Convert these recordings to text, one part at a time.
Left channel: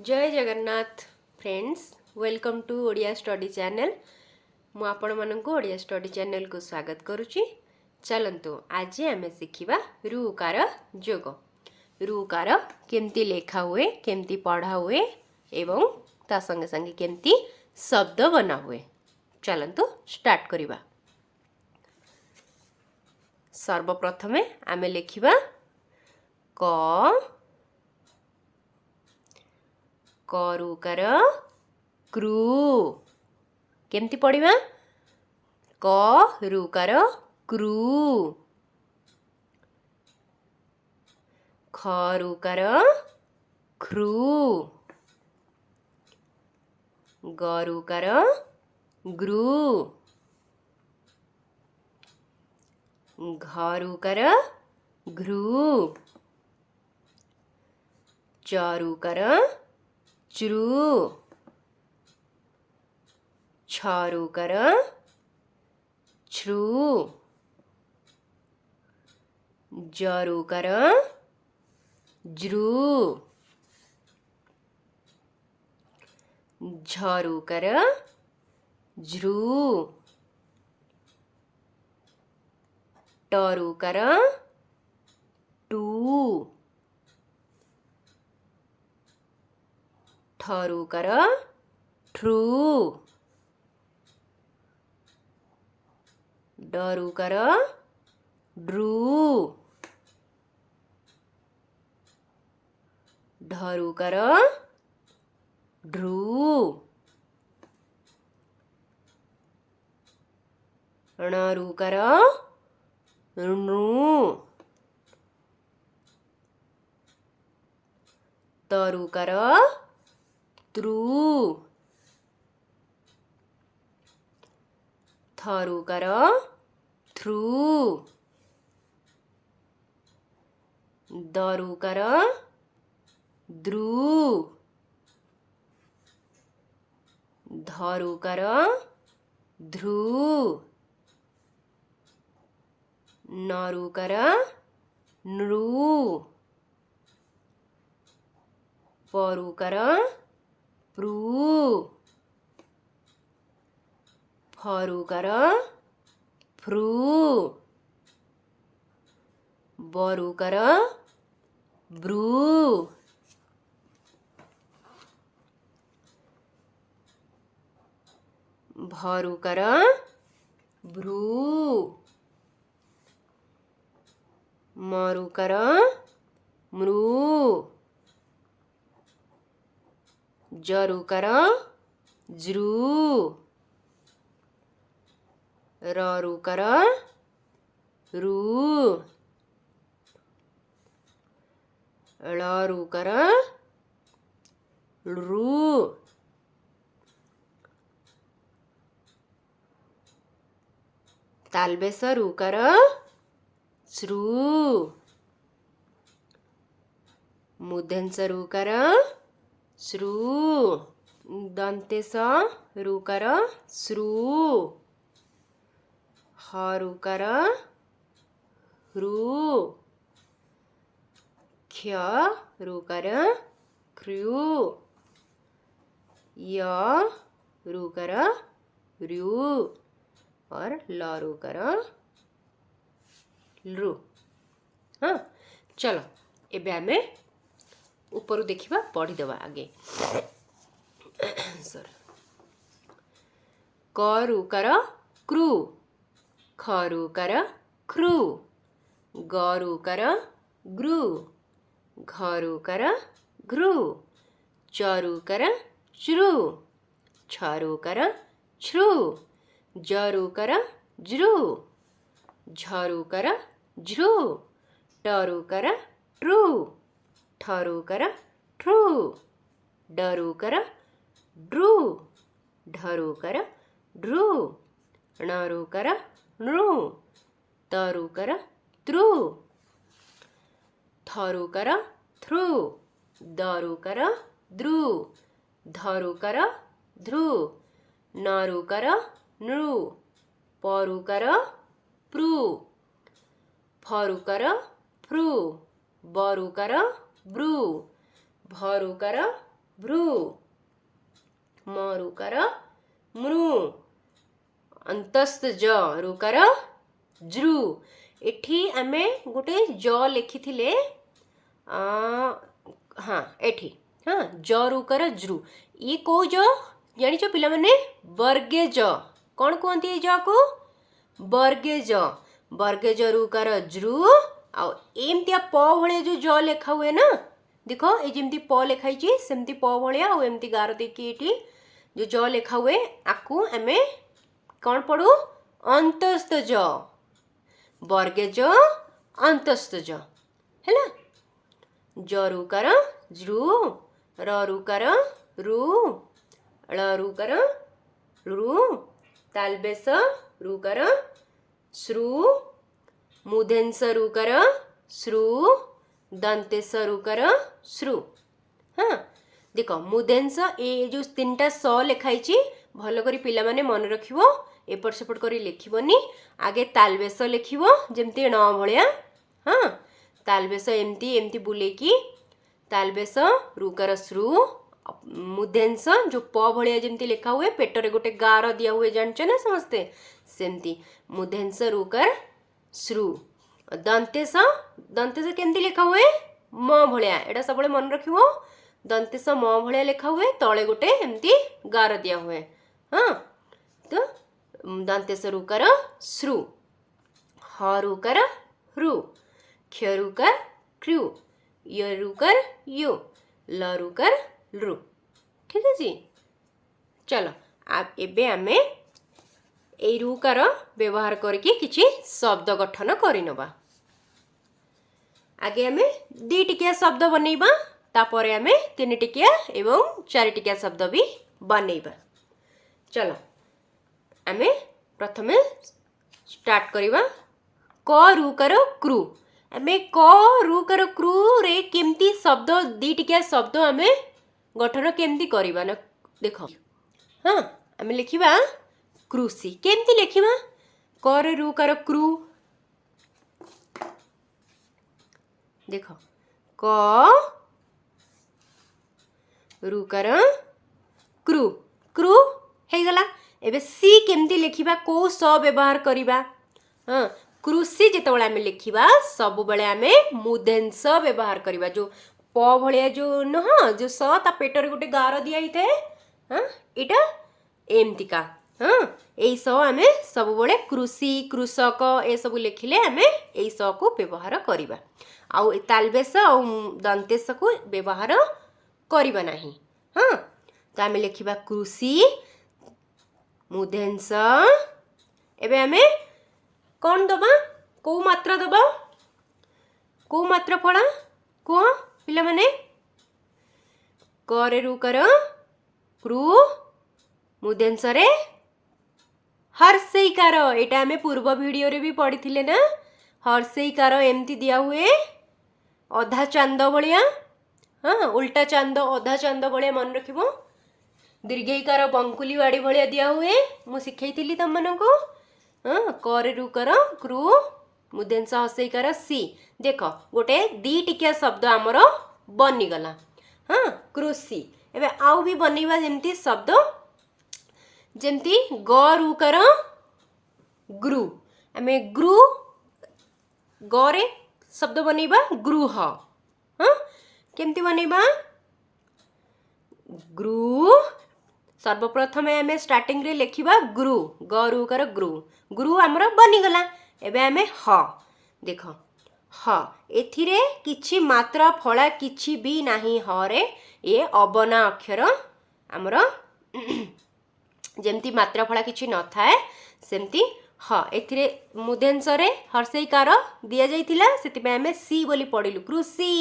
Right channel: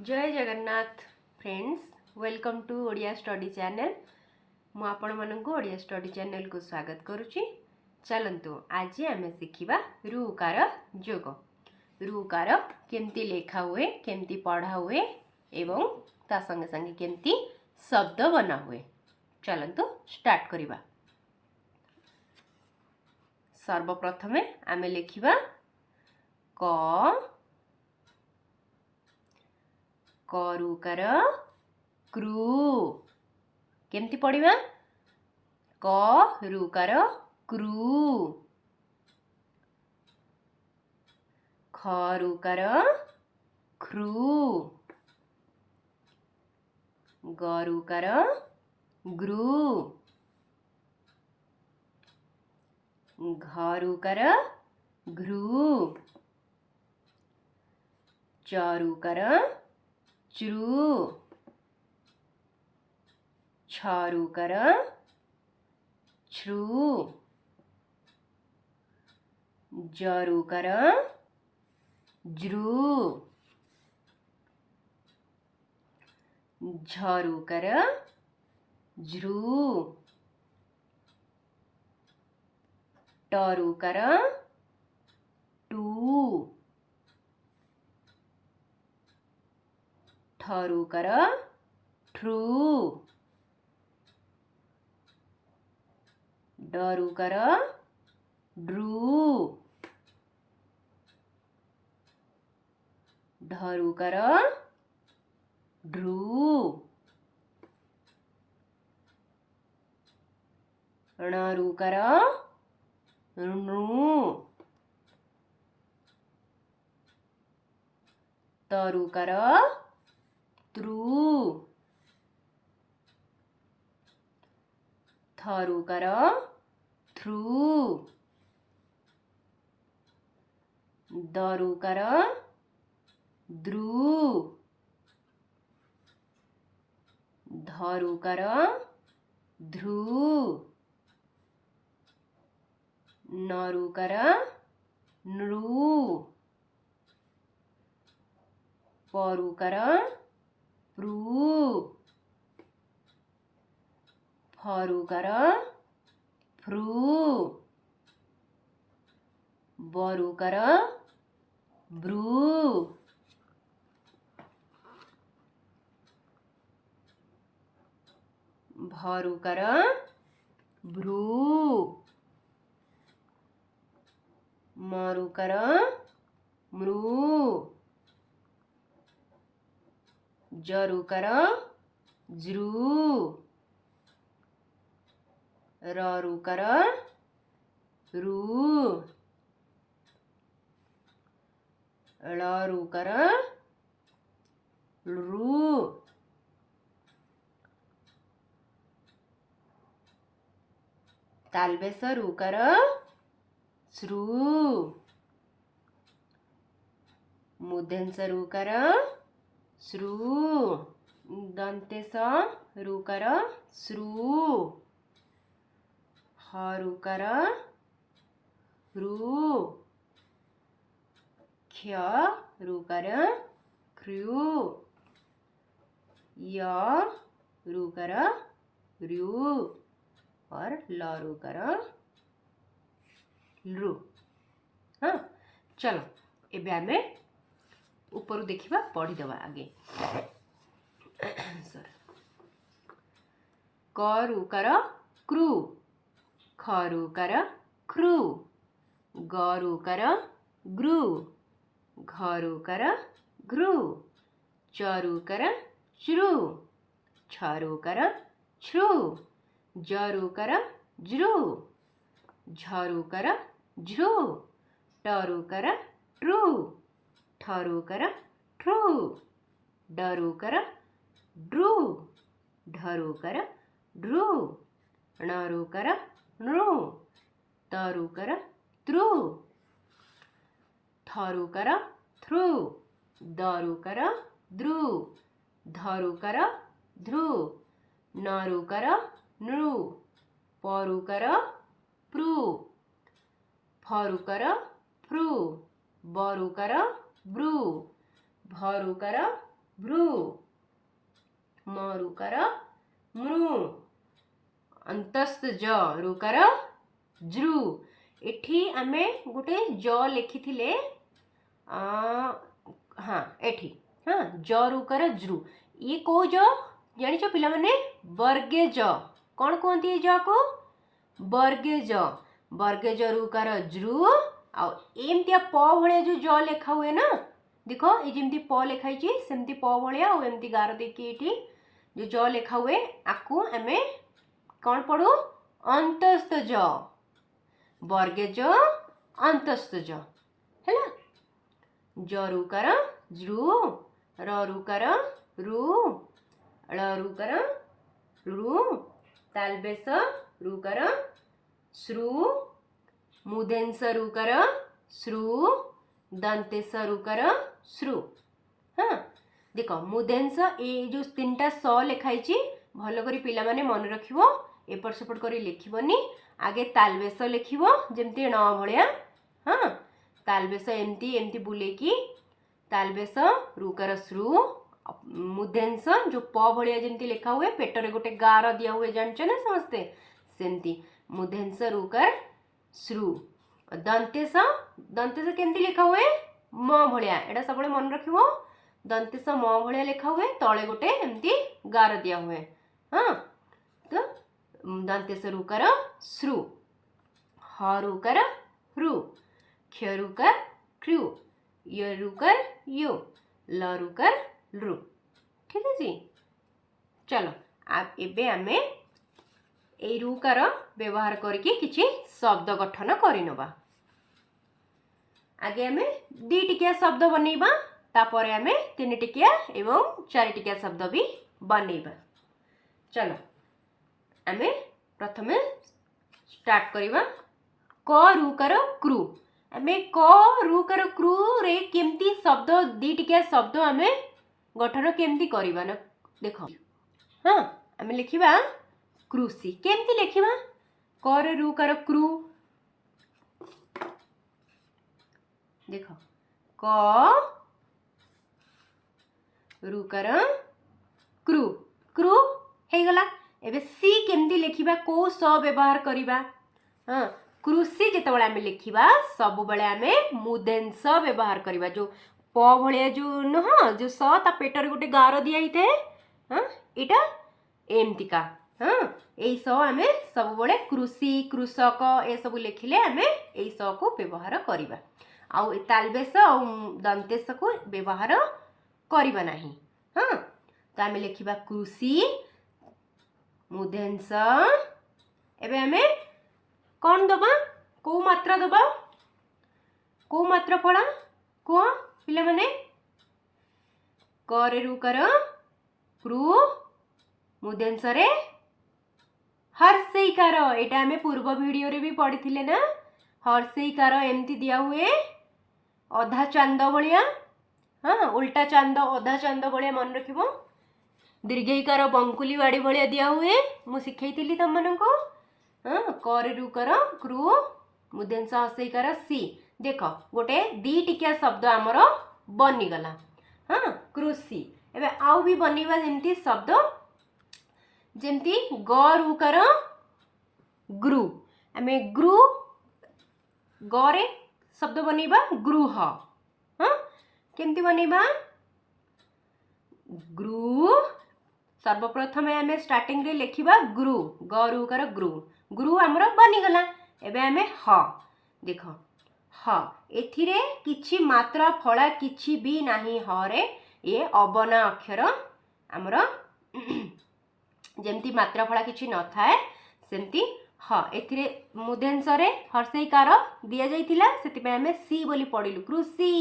जय Jagannath friends welcome to Odia study channel मु आपण मानकु ओडिया स्टडी चैनल को स्वागत करुच्ची। चलंतु आज आम शिखा रुकार जोग रुकार केमती लेखा हुए केमती पढ़ा हुए एवं ता संगे संगे केमती शब्द बना हुए। चलंतु स्टार्ट करिबा। सर्वप्रथमे आमे लिखिबा क करुकार क्रू केमती पढ़िबा करुकार क्रू खरुकार ख्रू गरुकार ग्रू घरुकार घ्रू चरुकार च्रू छरुकर छ्रू जरुकर ज्रू झरुकर झ्रू टरुकर टू ठरुकर ठ्रू डरुकर ड्रू ढरुकर ढ्रू णरुकर णू तरुकर त्रु थरुकर थ्रू दरुकर द्रू धरुकर ध्रू नरुकर नृ परुकर प्रू फरुकर फ्रू बरुकर ब्रू भरुकर भ्रू मरुकर मृ जरुकर ज्रू ररुकर रू ळरुकर ळ्रू तालबेस रुकर श्रू मूर्धन्य स रुकर श्रू दन्तेस रुकर श्रू हरुकर ह्रू क्ष रुकर ख्रू य रुकर र्यू और ल रुकर लृ। हाँ चलो एबे आमे ऊपर देखिबा पढ़ीदेवा आगे। करुकर क्रू खरुकर ख्रू गरुकर ग्रू घरुकर घ्रू चरुकर च्रू छरुकर छ्रू जरुकर ज्रू झरुकर झ्रू टरुकर ट्रू ठरुकर ट्रू डरुकर ड्रू ढरुकर ड्रू णरुकर नृ तरुकर त्रु थरुकर थ्रू दरुकर द्रू धरुकर ध्रू नरुकर नृ परुकर प्रू फरुकर फ्रू बरुकर ब्रू भरुकर भ्रू म रुकार मृ अंतस्थ ज रुकार ज्रु एठी आमे गोटे ज लिखिथिले हाँ एठी हाँ ज रुकार ज्रु ये को ज जानिछ पिला माने वर्गे ज कौन कहती है ज को वर्गे ज रुकार ज्रु आ एमतिया प भलिया जो ज लेखा हुए ना देख ये जमती प लिखाई सेमती प भलिया आ एमती गार देखी एठी जो ज लेखा हुए आकु आमे कौन पढ़ू अंतस्थ ज वर्गे ज अंतस्थ ज है ज रुकार ज्रु र रुकार रु ळ रुकार ऋ तालबेस रुकार श्रु मूर्धन्य रुकार श्रु दंतेस रुकार श्रु हाँ देख मूर्धन्य ये जो तीनटा स लिखाई भल कर पिला माने मन रखिबो एपट सेपट करी लिखिबनी आगे तालबेस लिखिबो जेमती न भलिया हाँ तालबेस एमती एमती बुलेकी तालबेस रुकार श्रु मूर्धन्य जो प भलिया जेमती लिखा हुए पेटरे गोटे गार दिया हुए जानछ ना समस्ते सेमती मूर्धन्य रुकार श्रु दंतेस दंतेस केमती लिखा हुए म भलिया एटा सब मन रखिबो दंतेस म भलिया लिखा हुए तले गोटे एमती गार दिया हुए हाँ तो दंतेस रुकार श्रु ह रुकार ह्रु क्ष रुकार कृ य रुकार यु ल रुकार लृ ठीक है जी चलो आप एबे आमे ए रुकार व्यवहार करके किछि शब्द गठन करिनबा आगे आमे दी टिकिया शब्द बनेबा तापरे आमे तीन टिकिया एवं चार टिकिया शब्द भी बनेबा चलो आमे प्रथमे स्टार्ट करिबा क रुकार कृ आमे क रुकार कृ रे केमती शब्द दी टिकिया शब्द आमे गठन केमती करिबा ना देखो हाँ आमे लिखिबा कृषि केमती लिखिबा क रे रुकार कृ देखो क रुकार कृ कृ हे गला एबे सी केमती लिखिबा को स व्यवहार करिबा हाँ कृषि जेतेबेले आमे लिखिबा सब बेले आमे मूर्धन्य व्यवहार करिबा जो प भलिया जो न जो स ता पेटर गोटे गार दिया हिते हाँ एटा एमतिका हाँ एई स आमे सब बेले कृषि कृषक ए सब लिखिले आमे एई स को व्यवहार करिबा आउ तालबेस आ दंतेस को व्यवहार करिबा नाही हाँ तो आमे लिखिबा कृषि मूर्धन्य एबे आमे कौन दबा को मात्रा दबा को मात्रा पड़ा को पिला माने करे रुकार कृ मूर्धन्य रे हर्षईकार एटा आमे पूर्व वीडियो रे भी पढ़िथिले ना हर्षईकार एमती दिया हुए अधा चांद भलिया हाँ उल्टा चांद अधा चांद भलिया मन रखिबो दीर्घईकार बंकुली वाड़ी भलिया दिया हुए मु सिखैथिली तम मानको हाँ करे रुकार कृ मूर्धन्य हर्षईकार सी देख गोटे दी टिकिया शब्द आमर बनीगला हाँ कृषि एबे आउ भी बनैबा जेमती शब्द जेमती ग रुकार ग्रु आमे ग्रु गरे शब्द बनैबा गृह हाँ केमती बनैबा ग्रु सर्वप्रथम आमे स्टार्टिंग रे लिखिबा ग्रु ग रुकार ग्रु ग्रु आमर बनीगला एबे आमे ह देख ह एथिरे किछि मात्रा फला किछि भी नाही ह रे ये अबना अक्षर आमर जेमती मात्रा फला किछि न थाए सेमती ह एथिरे मूर्धन्य रे हर्षईकार दिया जाइथिला सेति पे आमे सी बोली पढिलु कृषि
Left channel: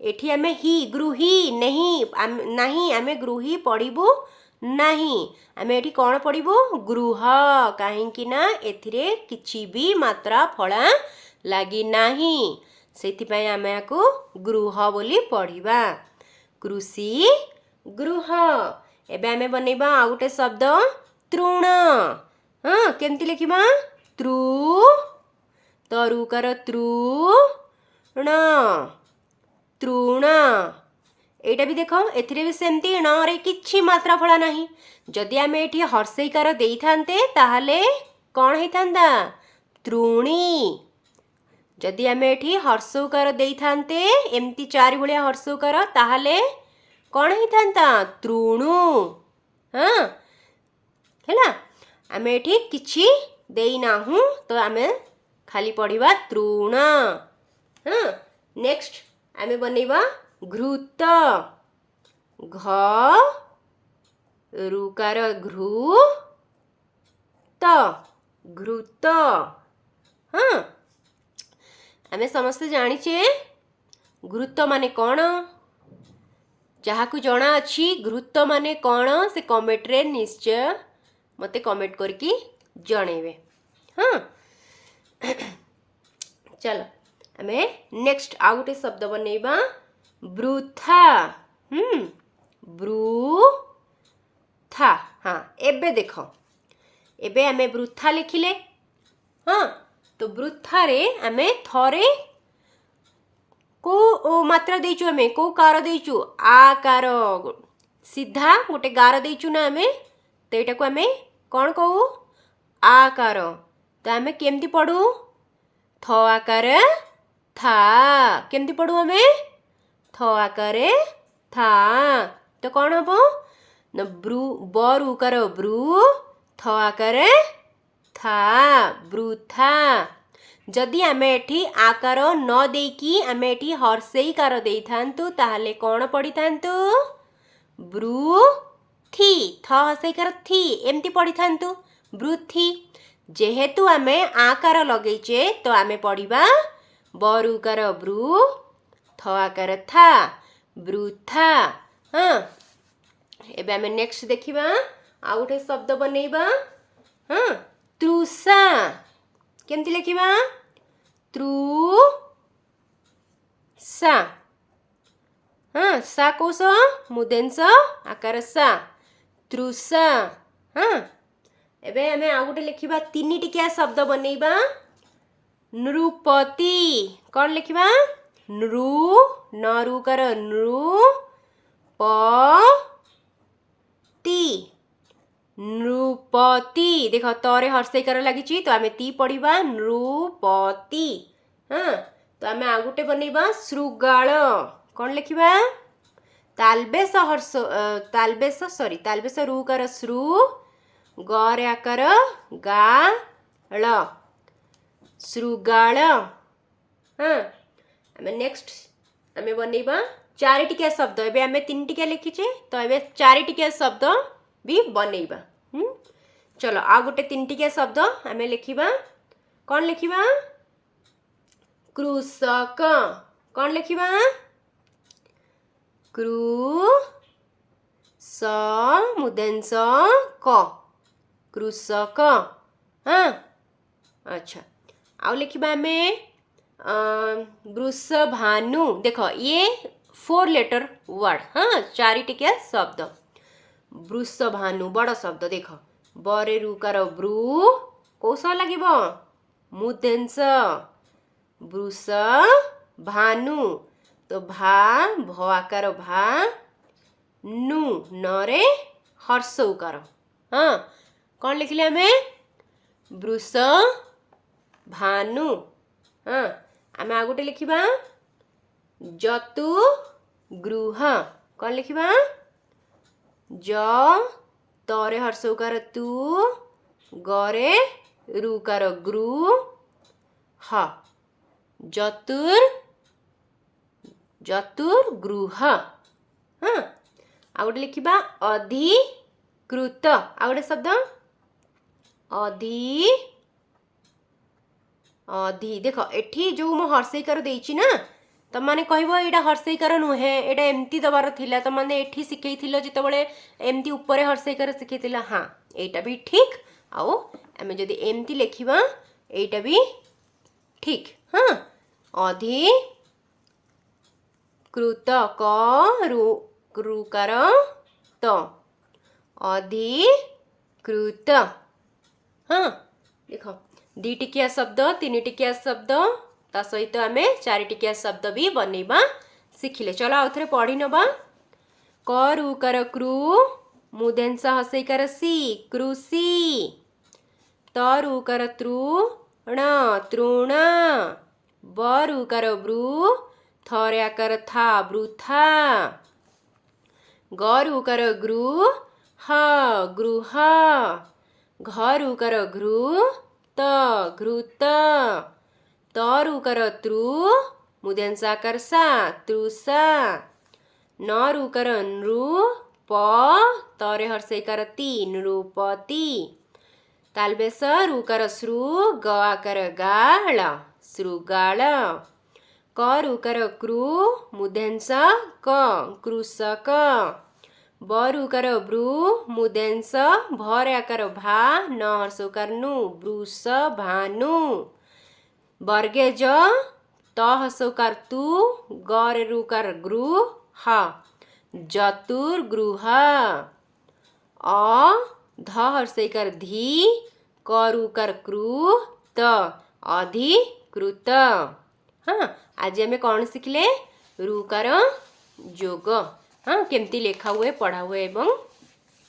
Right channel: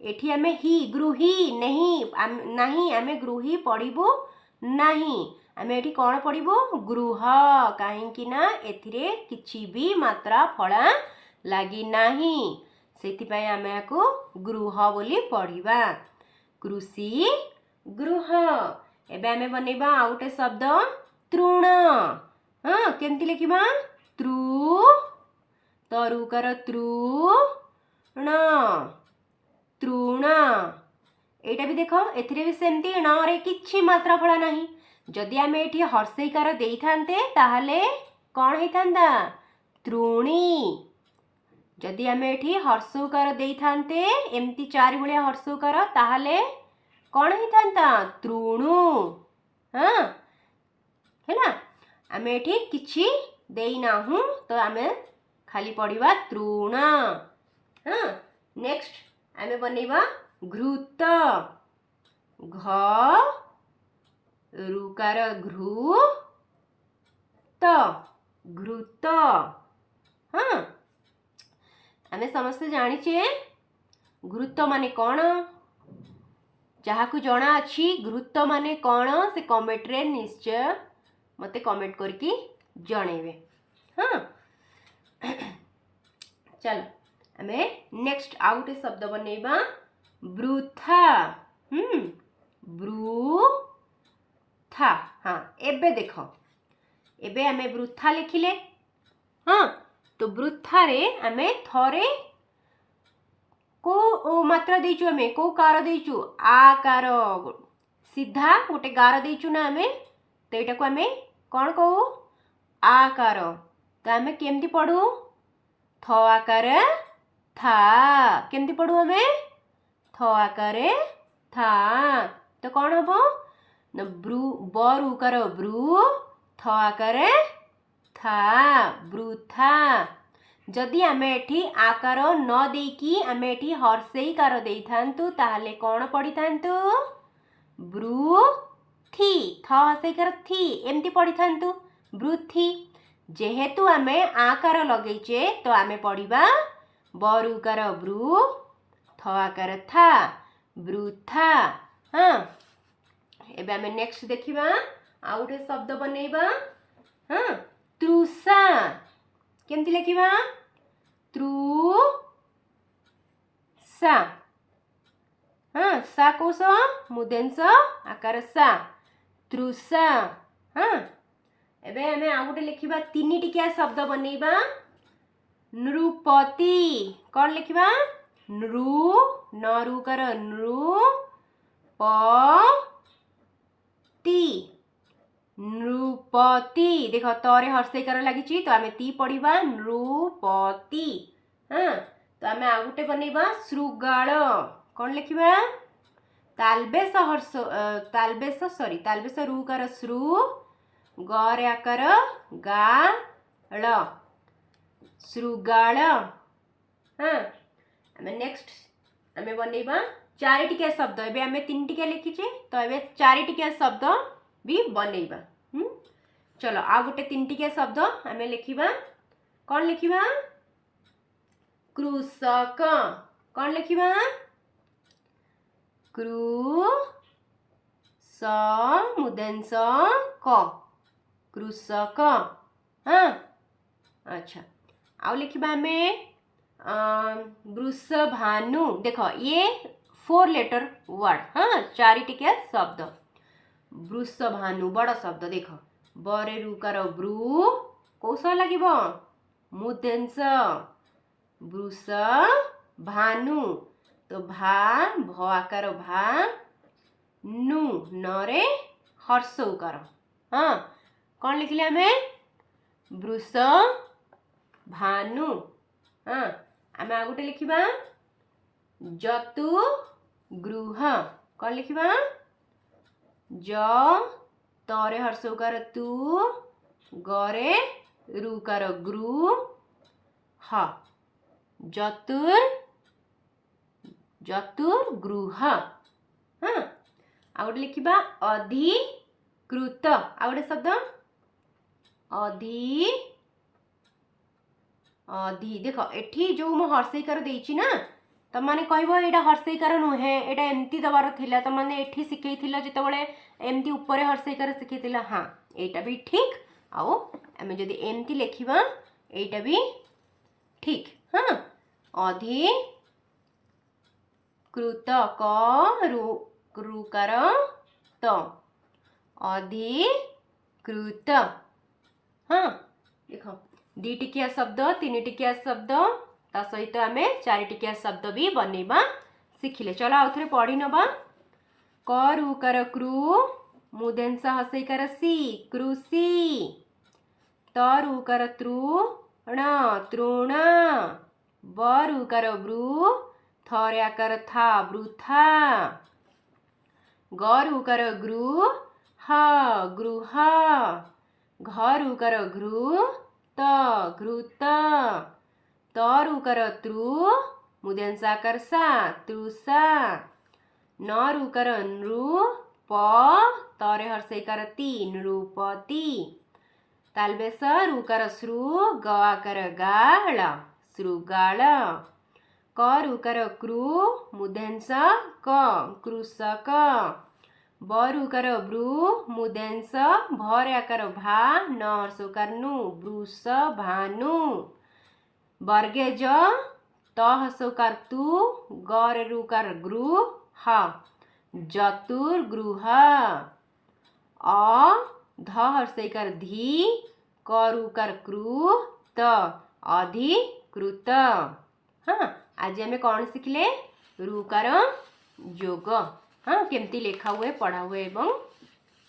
एठी आमे ही गृही नहीं आमे गृही पढिबु नहीं आमे एठी कोन पढिबु गृह काहेकि ना एथिरे किछि भी मात्रा फला लागी नाही सेति पय आमे आको गृह बोली पढिबा कृषि गृह एबे आमे बनेबा आ गुटे शब्द तृण हाँ केमती लिखिबा तृ तरुकार तृण तृण एटा भी देख एथिरे भी सेमती ण रे किछि मात्रा फला नाही जदि आमे एठी हर्षईकार देई थांते ताहले कोन हेई थांदा तृणी जदि आमे एठी हर्षऊकार देई थांते एमती चारि भलिया हर्षऊकार ताहले कोन हेई थांता तृणु हां हैला आमे एठी किछि देई नाहु तो आमे खाली पढ़िबा तृण हां नेक्स्ट आमे बनेबा घृत घ रुकार घृ त घृत हां आमे समस्त जानिछे घृत माने कोन जहाकू जना अछि घृत माने कोन से कमेंट रे निश्चय मते कमेंट करके जणेबे हां चलो आमे नेक्स्ट आउ गोटे शब्द बनेबा वृथा वृथा हाँ एबे देख एबे आमे वृथा लिखिले हाँ तो वृथा रे आमे थरे को ओ मात्रा देचु आमे को कार देचु आकार सीधा गोटे गार देचु ना आमे तो एटा को आमे कोन कहू आकार तो आमे केमती पढ़ू थ आकार था केमती पढ़ू आमे थ आकार था तो कौन हम न ब्रू बरू कर ब्रू थ आकार था वृथा जदि आमे एठी आकार न देकी आमे एठी हर्षईकार देई थांतु ताहले कौन पढ़ी थांतु वृथी थ हर्षईकार थी एमती पढ़ी थांतु वृथी जेहेतु आमे आकार लगेइचे तो आमे पढ़िबा बरुकार ब्रू थ आकार था वृथा हाँ एबे आमे नेक्स्ट देखिबा आउ गोटे शब्द बनेइबा हाँ तृषा केमती लिखिबा तृषा हाँ सा कोश मुदेंस आकार सा तृषा हाँ एबे आमे आउ गोटे लिखिबा तीनी टिकिया शब्द बनेइबा नृपति कौन लिखिबा नृ नरु कर नृ प ति नृपति देख तरे हर्षईकार लागिची तो आमे ती पढ़िबा नृपति हाँ तो आमे आ गोटे बनेइबा शृगाल कौन लिखिबा तालबेस हर्ष तालबेस रु कर श्रु गरे आकार गा ळ शृगाल हाँ आमे नेक्स्ट आमे बनेइबा चारि टिकिया शब्द एबे आमे तीन टिकिया लिखिचे तो एबे चारि टिकिया शब्द भी बनेइबा चलो आ गोटे तीन टिकिया शब्द आमे लिखिबा कौन लिखिबा कृषक कौन लिखिबा कृ स मुदेंस क कृषक हाँ अच्छा आउ लिखिबा आमे वृषभानु देख ये 4 लेटर वर्ड हाँ चारि टिकिया शब्द वृषभानु बड़ शब्द देख बरे रुकार ब्रू कौश लागिबो मुदेंस वृष भानु तो भा भ आकार भा नु नरे हर्ष उकार हाँ कौन लिखिले आमे वृष भानु हाँ आमे आ गोटे लिखिबा जतु गृह कौन लिखिबा ज तरे हर्ष उकार तु गरे रुकार गृ ह जतुर्गृह हाँ आ गोटे लिखिबा अधिकृत आ गोटे शब्द अधि देख एठी जो मो हर्षईकार देइछि ना तम माने कहबो एटा हर्षईकार नुहे एटा एमती दबार थिला तम माने एठी सिखैथिलो जेतबेले एमती ऊपर हर्षईकार सिखैथिला हाँ एटा भी ठीक आउ आमे जदि एमती लिखिबा एटा भी ठीक हाँ अधिकृत क रुकार त अधिकृत हाँ देख दी टिकिया शब्द तीन टिकिया शब्द ता सहित आमे चारि टिकिया शब्द भी बनेबा सिखिले चलो आउ थरे पढ़ी नबा करू कर क्रू मूर्धन्य स हसईकार सी कृषि तरु कर तृण तृण बरु कर ब्रू थर्या कर था वृथा गरु कर ग्रू ह गृह घरु कर घृ त घृत तरु कर तृ मूर्धन्य सा तृषा नरु कर नृ प तरे हर्षईकार ती नृपति तालबेस रु कर श्रु ग कर गाळ श्रुगाळ करु कर क्रू मूर्धन्य क कृषक बरु कर ब्रू मूर्धन्य भर्या कर भा न हर्षकार नु वृष भानु वर्गे ज त हर्षकार तु गर रु कर गृ ह जतुर्गृह अ ध हर्षईकार धी करु कर क्रू त अधिकृत। हाँ आज आम कौन शिखले रुकार जोग हाँ केमती लेखा हुए पढ़ा हुए एवं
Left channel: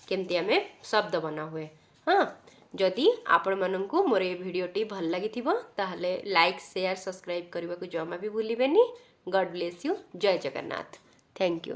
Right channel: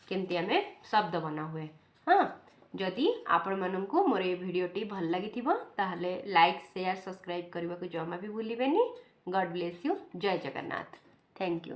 केमती आम शब्द बना हुए। हाँ जदि आपण मानू मोर ये भिडटी भल लगी ताहले लाइक शेयर सब्सक्राइब करने को जमा भी भूलिबेनी। God bless you. जय जगन्नाथ। Thank you.